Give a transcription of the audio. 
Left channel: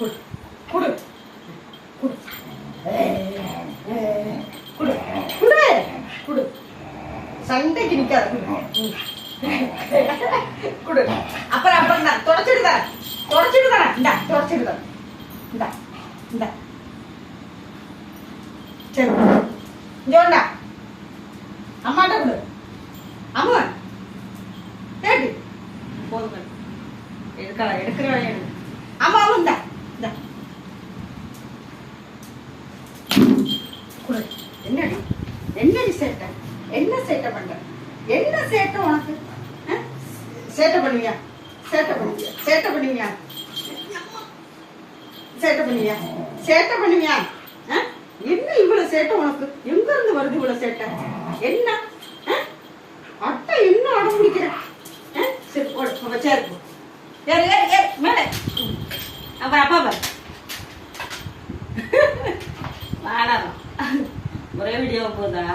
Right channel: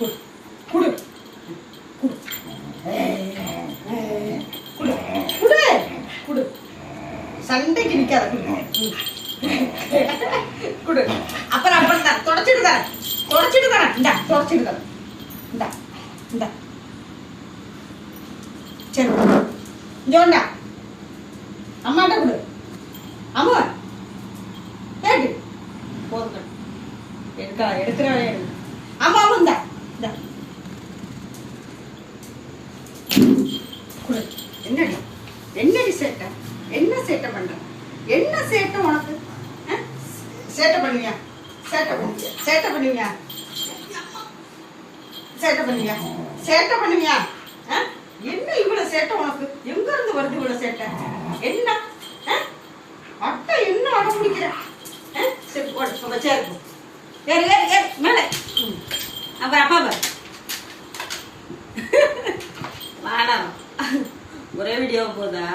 குடு குடு குடு குடு குடு குடு சண்டைக்கு நிக்காத குடு அப்புறம் அப்புறம் தான் தொடச்சிட்டு தரேன் இந்தா தொடச்சிட்டு தரேன் இந்தா இந்தா சரி இங்கோண்டா அம்மாட்ட கொடு அம்மா கேட்டு போதுங்க எடுக்கிற அம்மா இந்தா இந்தா கொடு என்னடி சேட்டை என்ன சேட்டை பண்ற என்ன சேட்டை உனக்கு சேட்டை பண்ணுவியா என்ன இவ்வளவு சேட்டை உனக்கு எங்க இருந்து வருது இவ்வளவு சேட்டை என்ன அட்டை என்ன அடம் பிடிக்கிற சரி போடு சேரு மேல அப்பா வாடா ஒரே வீடியோ போதா